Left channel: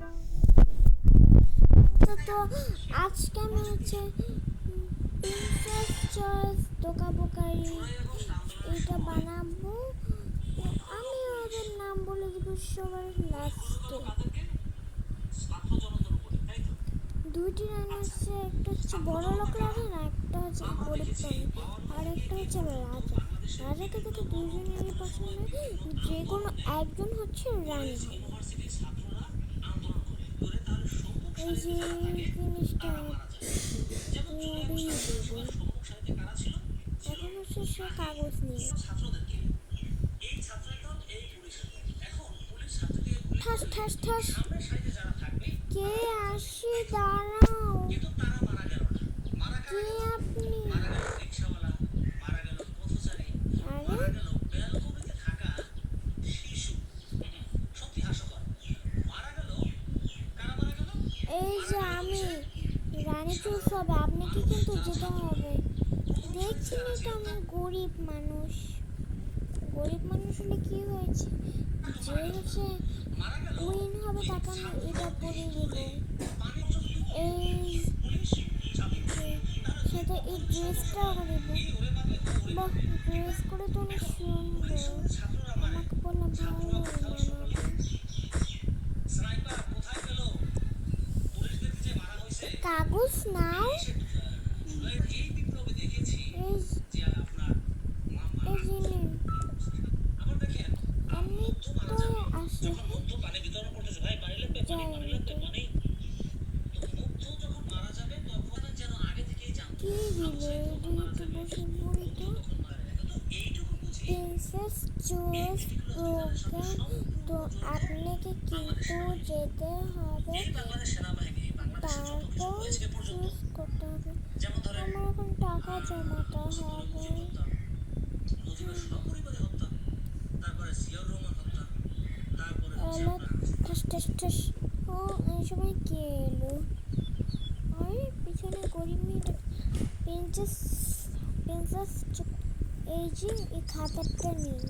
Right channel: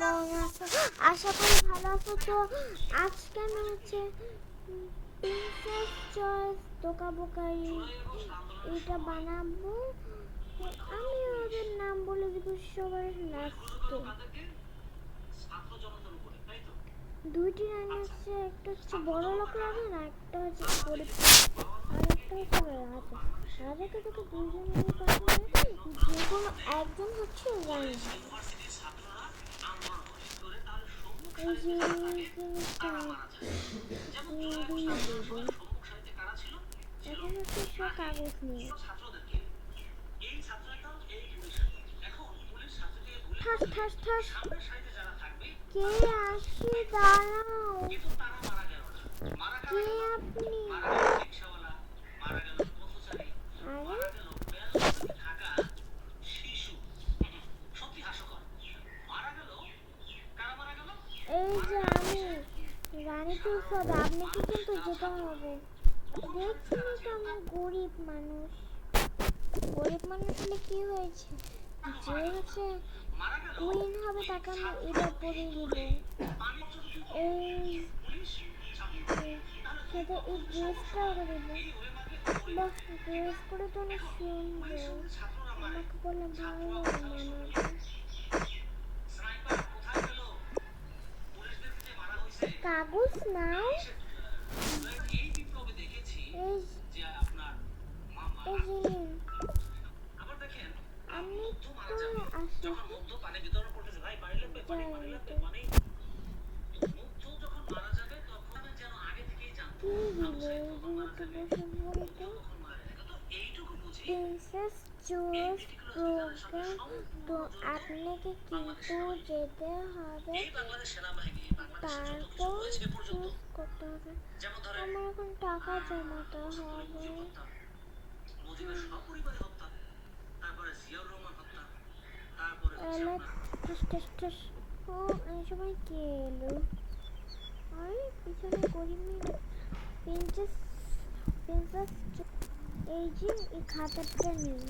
কেমন আছো? আশা করি ভালো আছো। তো আজকে আমি হচ্ছে প্রিন্সেস চয়েস দোকা বোকারি এটা বানাবো। তো আমি ওদের নাম বলে দিব সবার লাস্টে। দুইটি রান্না হচ্ছে, একটা হচ্ছে বড় লোক রাজা না, একটা হচ্ছে গরিব আর একটা হচ্ছে রাজা। রাজাকে দেখে দুজনেরই পছন্দ, যে কোনো একজন হচ্ছে রানী। এই যে জিনিসটা পুড়িয়ে দেবো। এখন হচ্ছে সে কাগজ নিয়ে ঠাস ঠাস ঠাস। কে আসি দাঁড়াও, কে আপনি? আরে এই যে আমি রানী চুষব, আপনাকে কিন্তু যেতে হবে। দেখছেনই তো আমি গরিব মানুষ। গরিব মানুষ হলে কি হয়েছে, যে হচ্ছে কুইন হবে তাকে আমি এটা পরিয়ে দেবো। এই সাথে এই ড্রেসটা ওকে দেবো। বাহ, ড্রেস করে তো অনেক সুন্দর, আমাকে বললাম ভালো মানাবে। কাগজ নাও। এই নিন। আমি তো আসি যাই। কি দিল এদিকে বসে পড়ি তো। প্রিন্সেস চয়েস প্রোগ্রাম, তো আপনাকে কিন্তু যেতে হবে, তারপর চুজ করতে হবে। আমার এখন টাকা জমাতে হবে। এলা ঠাস ঠাস ঠাস। ও এই সময় কে এলো? আরে পিছনে গরিব মেয়েটা। প্রিন্সেস প্রিন্সেস এই যে এই খাতাটা নিন।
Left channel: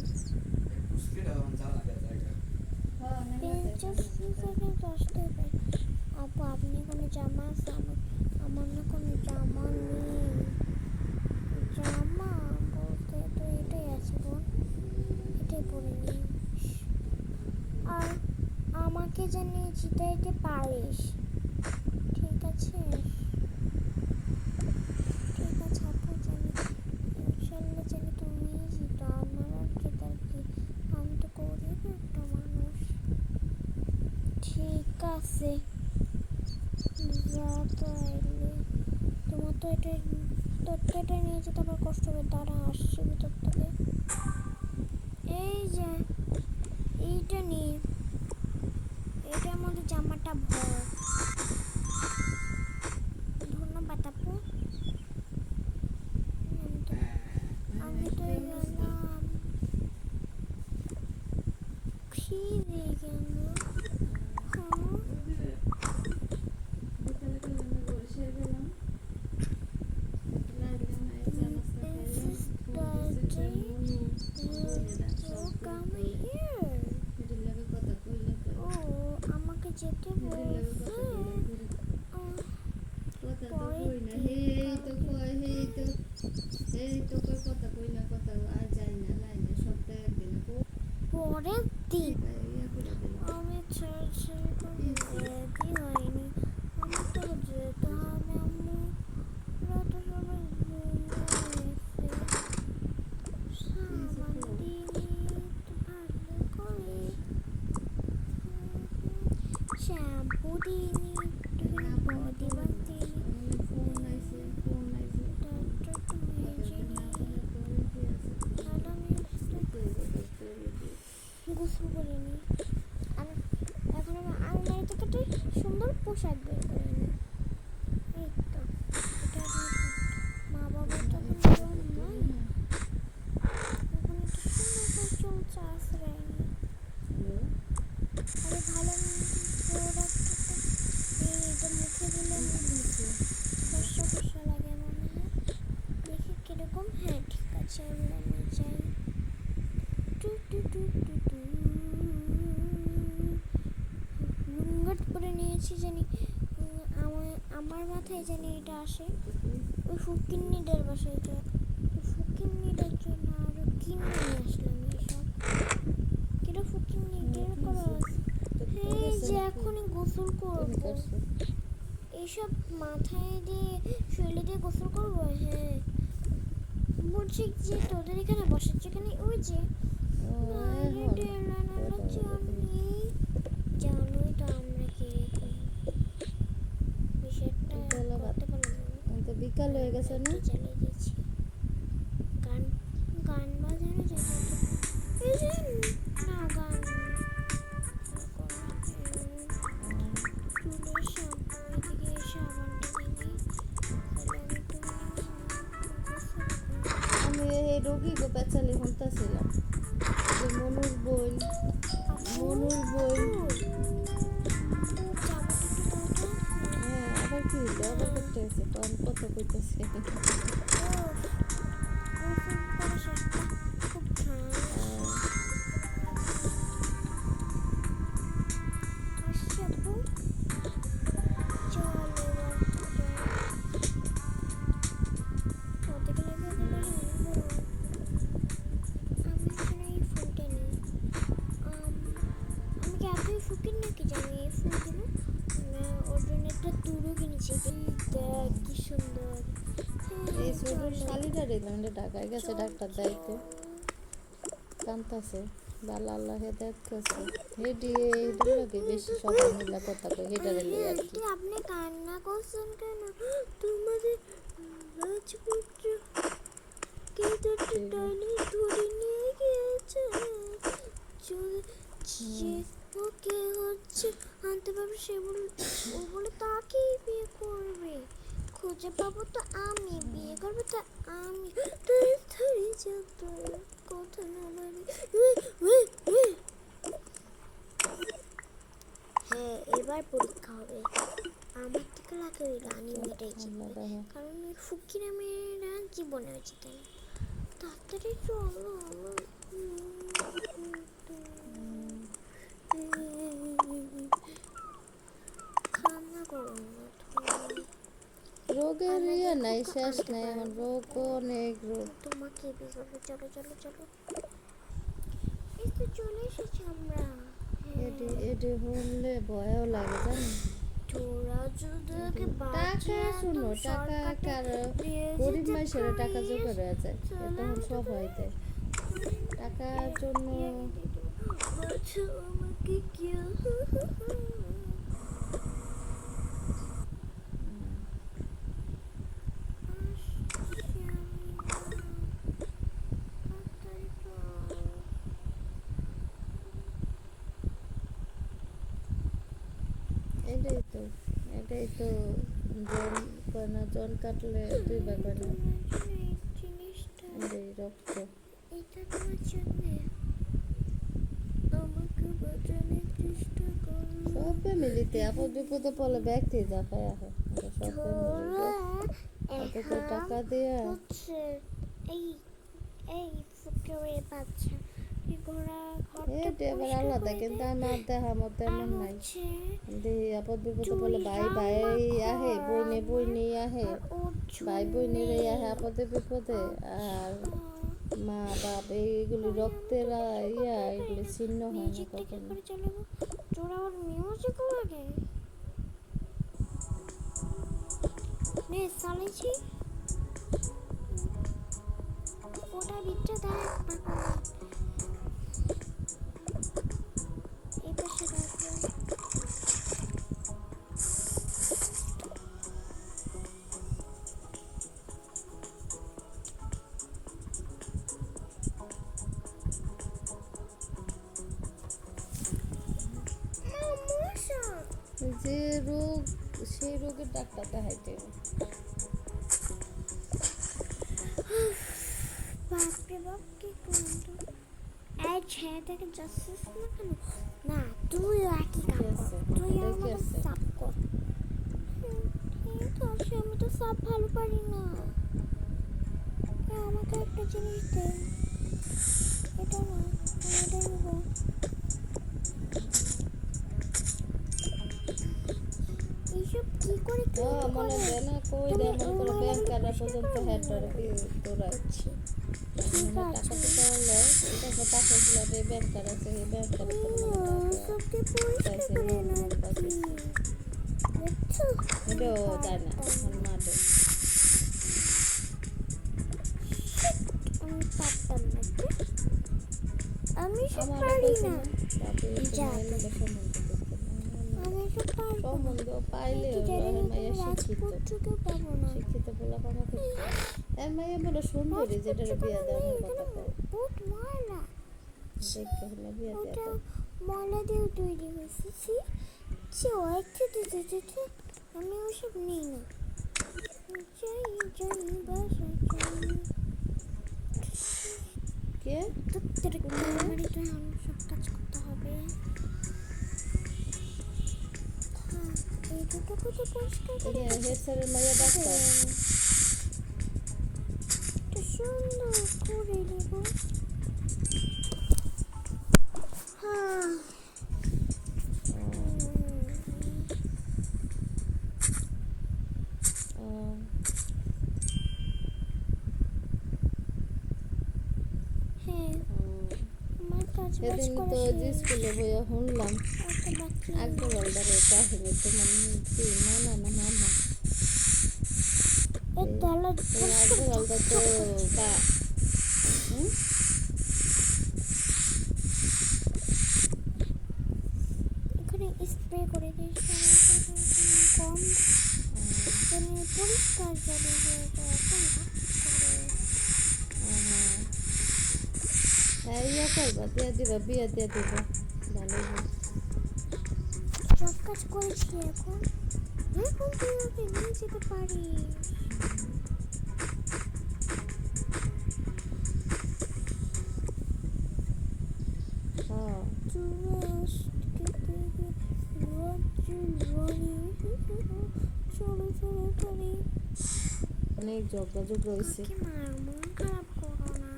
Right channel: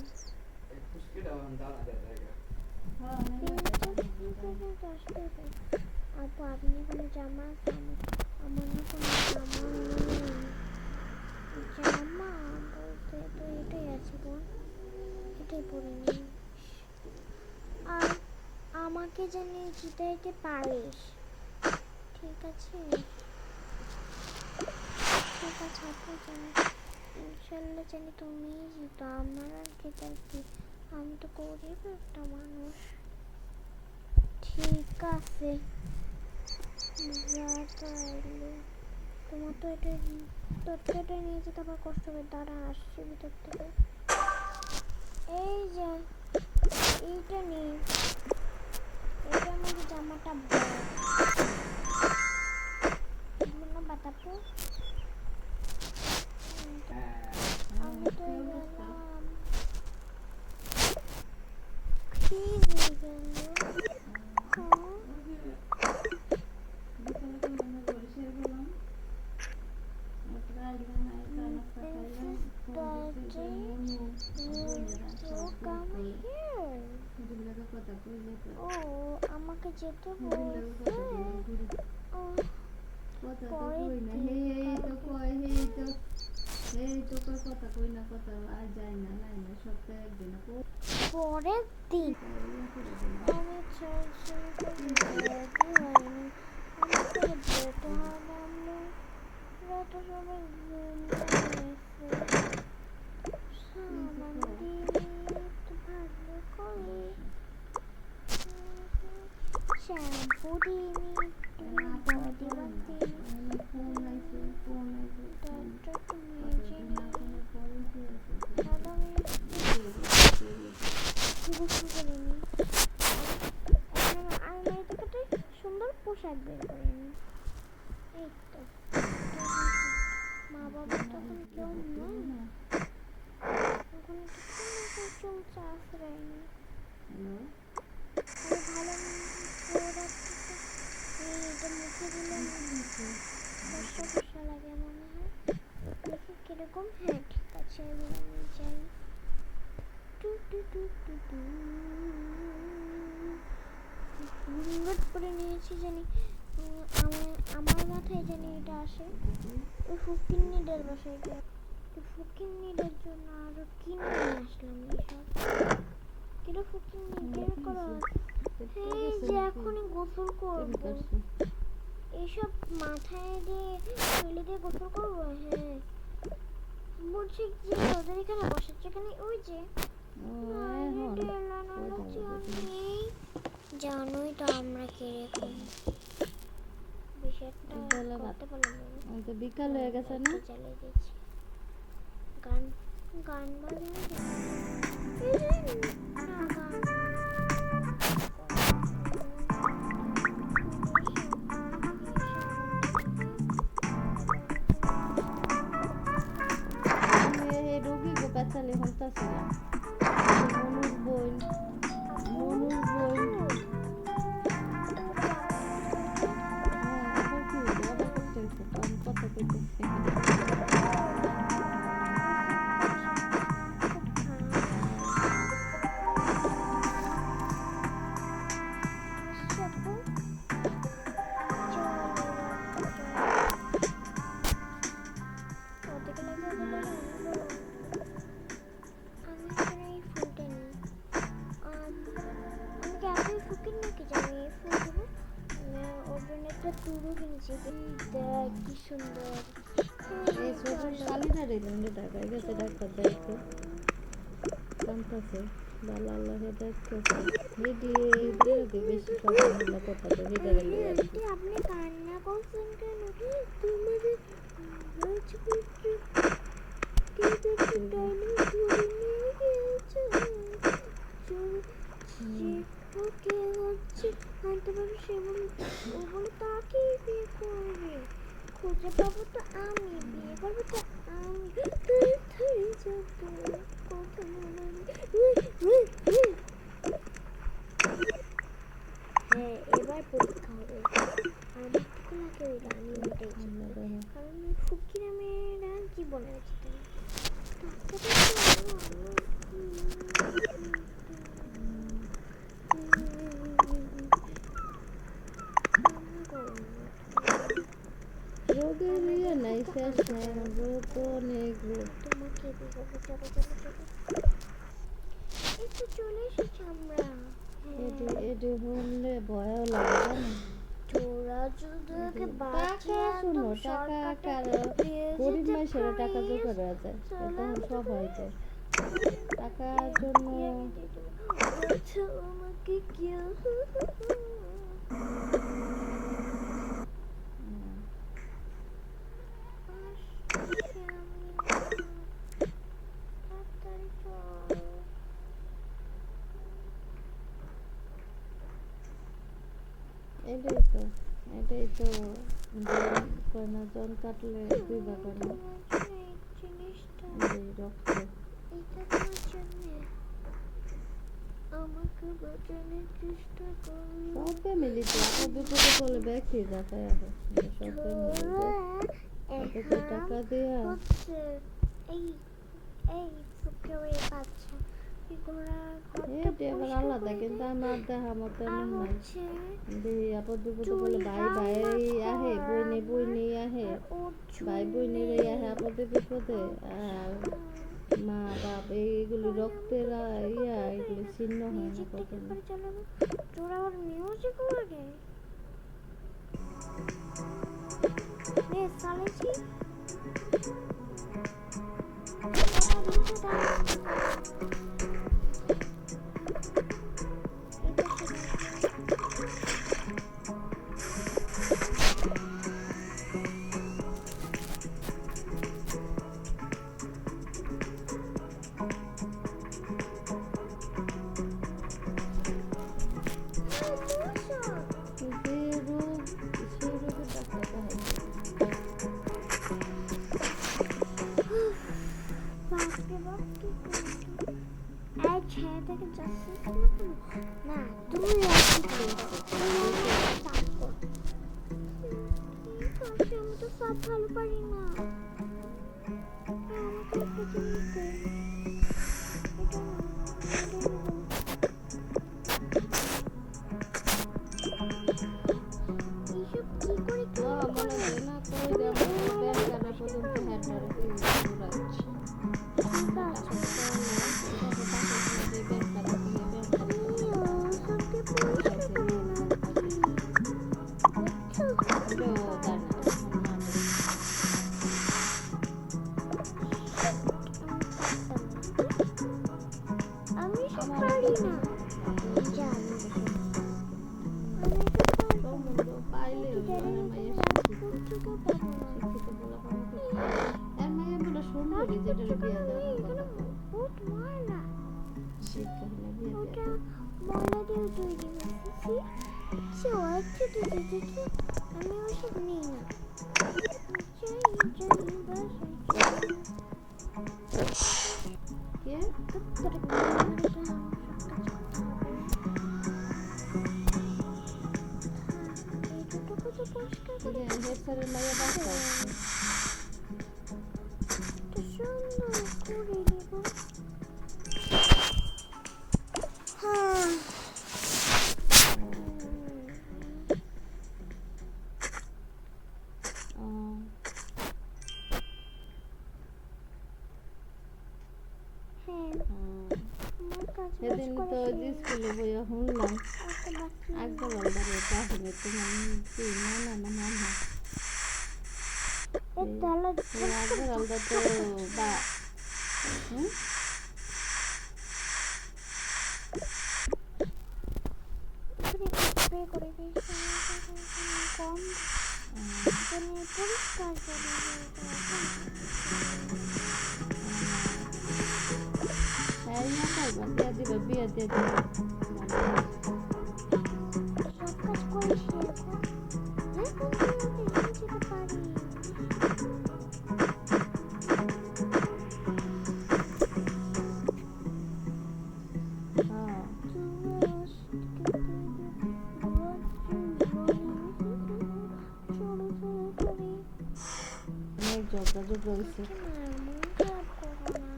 আপু আপনি কোনো জামা আছে? আমার না কোনো জামা নেই। জামা বলতে তো এটাই আছে বোন, এটাই পরে নিই। আর আমাকে জানি জিতাইতে পারিস, ঠিক আছে? ঠিক আছে আপু, জানি ইনশাল্লাহ জানি তুমি জিতো। আমার আর জেতার কি, আমি তো গরিব একটা মানুষ। ঠিক আছে, যা তো এলে তোমার তো এটা তোরটা এটা নিয়ে যেতে আবার কষ্ট হবে। দাঁড়া আসছে ভিতর থেকে। এই যে এইটা নিয়ে, এটা আমাদের জামাটা বড়। ধন্যবাদ আপু। আমি তো গেলাম। কি দিয়ে গেল? আমাকে যেতে বলছে। পরের দিন আমি রেডি হয়নি, আমাকে যেতে হবে। আমরা তো সবাই ঘুমিয়ে সামান দিয়ে ভালো করে শ্যাম্পু দিয়ে বডি ওয়াশ দিয়ে ডাক্তারটা মেজে নিয়ে গোসল করে নিই। এখন আমার আলমারি থেকে একটা সুন্দর পোশাক বের করে নিই। এই তো মা বাবা তখন কেউ নাই, তখন একটু সুন্দর করে চলছে আশ্রয় নিয়ে। আমি ভালো প্রোডাক্টটা এটা মুখে দিলে ফর্সা ফর্সা লাগে মনে হয়। দেখি কিরকম। হ্যাঁ ঠিক আছে, এবার আমি যাই। টু টু টু টু টু। হুঙ্গট করে নিয়েছি জানি আমার মাথায় জানি এটা আসে ওই ফকিন্নিদের বাসায় এটা ফকিন্নিদের জন্য আরো কিনে নিয়ে আসলাম এইসব কিরা ফকিন্নি কেন করো এই যে এখনই গোসল করবো এইসব মাথায় দিয়ে ফেলে দিয়ে গোসল করবো হ্যাঁ বলছি যে তোদের এখানে বসার যেখানে ওই যে জানোই তো আমরা কিরকম বিকাল হয়ে গেছে না চলে গেছি গান গান বাজানো না গান আমি এই রোগী গো পেঁচালি হন্তাছিলাম মনুর বই হ্যাঁ আবার কি হইলো আবার করতে হয়েছে আমি কথা কইতেছি কি সুন্দর এই ছোট শালিটা দিলাম ঢাকায় গেছে ডাক্তার দেখতে কান্তাছে ভালো আল্লাহ দেখতেছে হেডি লাগে বেশি সবাই মিলে কথা কই হেডারে লই আর কি আপনি কান্না করছেন কেন তোমাদের রাজপুত্র কে ধরতে টাইনে ধরে নিয়ে গিয়েছে যে ওকে হচ্ছে আনতে পারবে সে ও বলে তাকে বিয়ে করবে খুঁজে পাবো তো আমি বিয়ে করবো তো আমি ধরে যত কথা না হ্যাঁ এবার পরীক্ষা হবে আমার থেকে লাগে ওই রানী মেয়েটাই জিতবে কারণ ওই ফুকিরা মেয়েরা জীবনে আছে তাই রোগের ইয়ে নাই শেষ নাই এখন রোগ অনেক রোগ তোমাকে চলো চলো চলো চলো একটু চলে এসেছি আমরা এডি হলে ভয়ও লাগে জানো তোরা যদি টাকা শুনো টাকা কার গরিব মানুষের টাকা জোগাড় হয়ে যায় তখন সব হয়ে যায় টাকার জন্য আমাকে কেউ এটাই তো কয়না জন কাটলে দুই ভাগ না এই রক্ত এটা তোমার জন্য আমাকে বাঁচানোর চেষ্টা করো সব ফ্যামিলিতে আপদ বিপদে পড়লে ব্যক্তি যা পায় আহে সব ফ্যামিলিতে টাকা দেয়া এই এই ফুকরে বাচ্চা এটা এবার আলাদা কিন্তু আমার দেখা মতো এমন নাই দেখি আপদ বিপদে বলে ভাই ভাই আহে বইনে আহে ভাই বোনের আহে আপদে বিপদে আর মা বাপ এইগুলি রক্তের এগুলি ছিন্ন হয় না কখনো তোরা আবার মিউজিক লাগে নে চালেছি যে রোগ সেই রোগের ডাক্তার দেখাইতে ছেলেটাকে জাস্টিস না কেন না তুই আমি তো সব ভালো পারি না আমাকে একটা জিনিস দে এটা না মনে দেয় না কই দেয় ব্যাংকাররা পর্যন্ত হেডারে দৌড়ায় ঠিক টাকা আছে দিতে বললে ঠিক আছে পাশে ফ্ল্যাটে ব্যাংকার আছে এই ব্যাংকারের সত্যি পরিষ্কার করে নাকি বুঝছো এটাও যায় না এখন মাঠে আমি পারতাম না আমি সব আমার পারি না যা সম্বন্ধ পাইলে মাইয়া শিক্ষিত শিক্ষিত বলা পাবো এর মাইয়া বলো সুন্দরী যেটার বিয়ে দেওয়ার কথা কয় বহুত ময়লা দেখতে হলে বিয়ে ওটা দেওয়া ময়লা দিয়ে তৈরি হয়েছে আমি ওসব নিই না কে তোর ক্যামেরাটা সব কাজ করতে হবে এইটুকু কত পরিষ্কার করে হেড স্যারের মাইয়া ডাক্তার তো সুন্দর করে দেবো হ্যাঁ হ্যাঁ আমার কাজ বাজ সেদিন তো করা যে শেষ। স্কুলে বইয়া শুনলাম একটা বাকি একবার অলদারে কাহিনী তোমার না মামা এই তালা একবার অলদা তো বা হুম এখানে স্প্রে করে দিই কম মানে পরিষ্কার করে হ্যাঁ ইয়া করবা দিয়ে দিবা বিয়ে দিয়ে দিবা ভালো হয়। সব কাজ করেছি এখন দেখুন তুই ওকে নিয়ে যেতে পারি হ্যাঁ অনেক ঝগড়া হয়েছে মন খারাপ করো না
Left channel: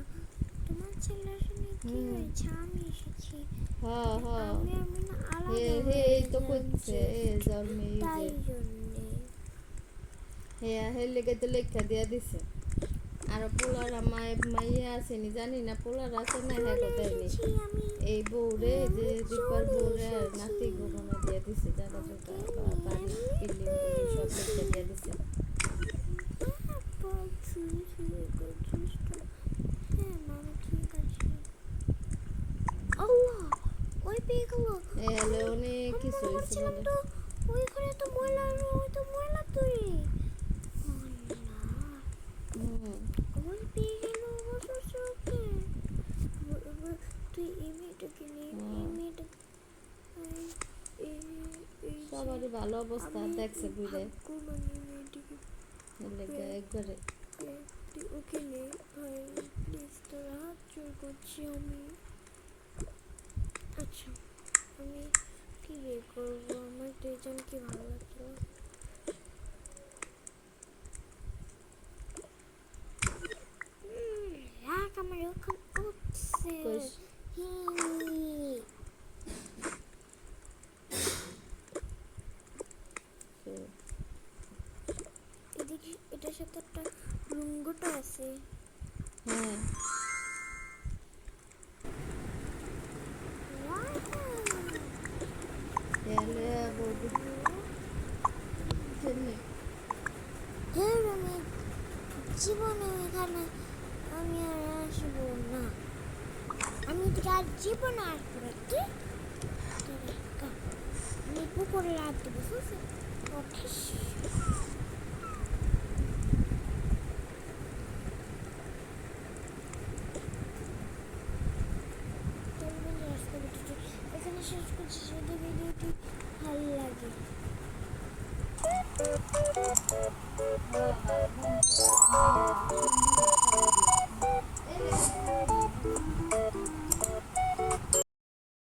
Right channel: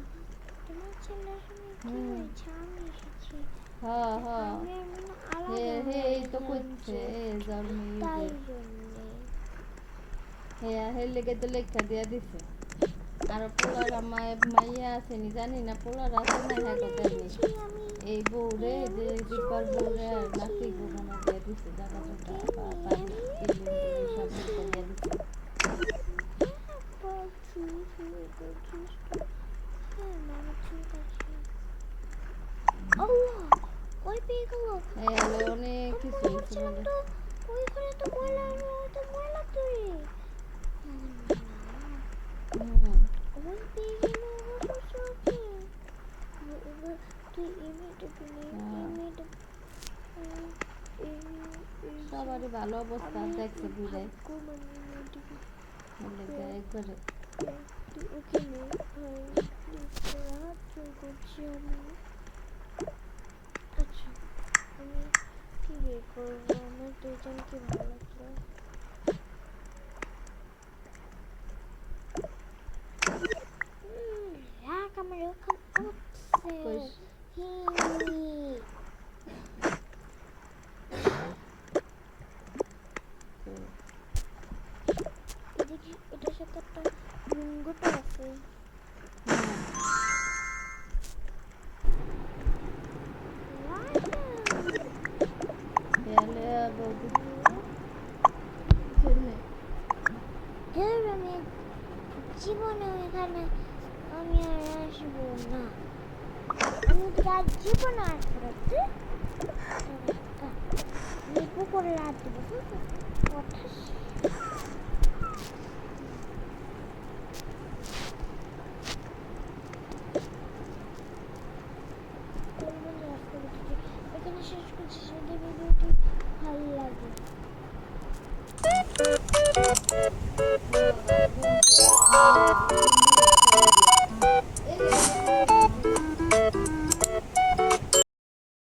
তোমার ছেলের সঙ্গে কি হয়েছে আমি এসেছি হ্যাঁ হ্যাঁ আমি আমি না আলাদা হে হয়ে এই তো যাচ্ছি। করছে জন্মে তাই জন্যে হে লেগে তো লেখা দিয়ে দিছে আর পোলার মাইয়া আসেনি জানি না পোলার আছে না হ্যাঁ কোথায়নি এসেছি আমি এই বউরে যে দীপার বউরে আর নাতি গোমনা দিয়ে দিছে জায়গা জোটা বাড়ি বিল্ডিং সব লেখা দিয়ে দিছে হ্যাঁ মামা ঠিক আছে আল্লাহ ওই পেয়ে গেল এই হলে অনেক কিছু হয়েছে বলে তো ওইখানে তো ময়লা ওই তো ময়লা তুই ওই পেয়ে গেল শ্বশুরকে তুই এই মেয়েটাকে নিয়ে এই মেয়েটা সবারই ভালো অবস্থা দেখছে বুঝে মানে মেয়েটিকে লেগে একবারে তুই ওকে নে ভাই প্লিজ তোর হাত জোর করছি আমি আচ্ছা আমি কি বিয়ে করবো আমার দুইজনকে ভালো লাগলো রাখ আমার ওখান উঠছে কইস। এদিকে এটার সাথে একটা লুঙ্গোটা আছে হ্যাঁ এলে বৌদি কেমনে হ্যাঁ আমি জীবনে এখানে আমি আর আসবো না আমি তো আর জীবনে আসবো না কি আমি পুকুরে রাত দেবো বুঝছো উঠিস এখানে শেষ করছি যদি ভিডিওটি ভালো লাগে এই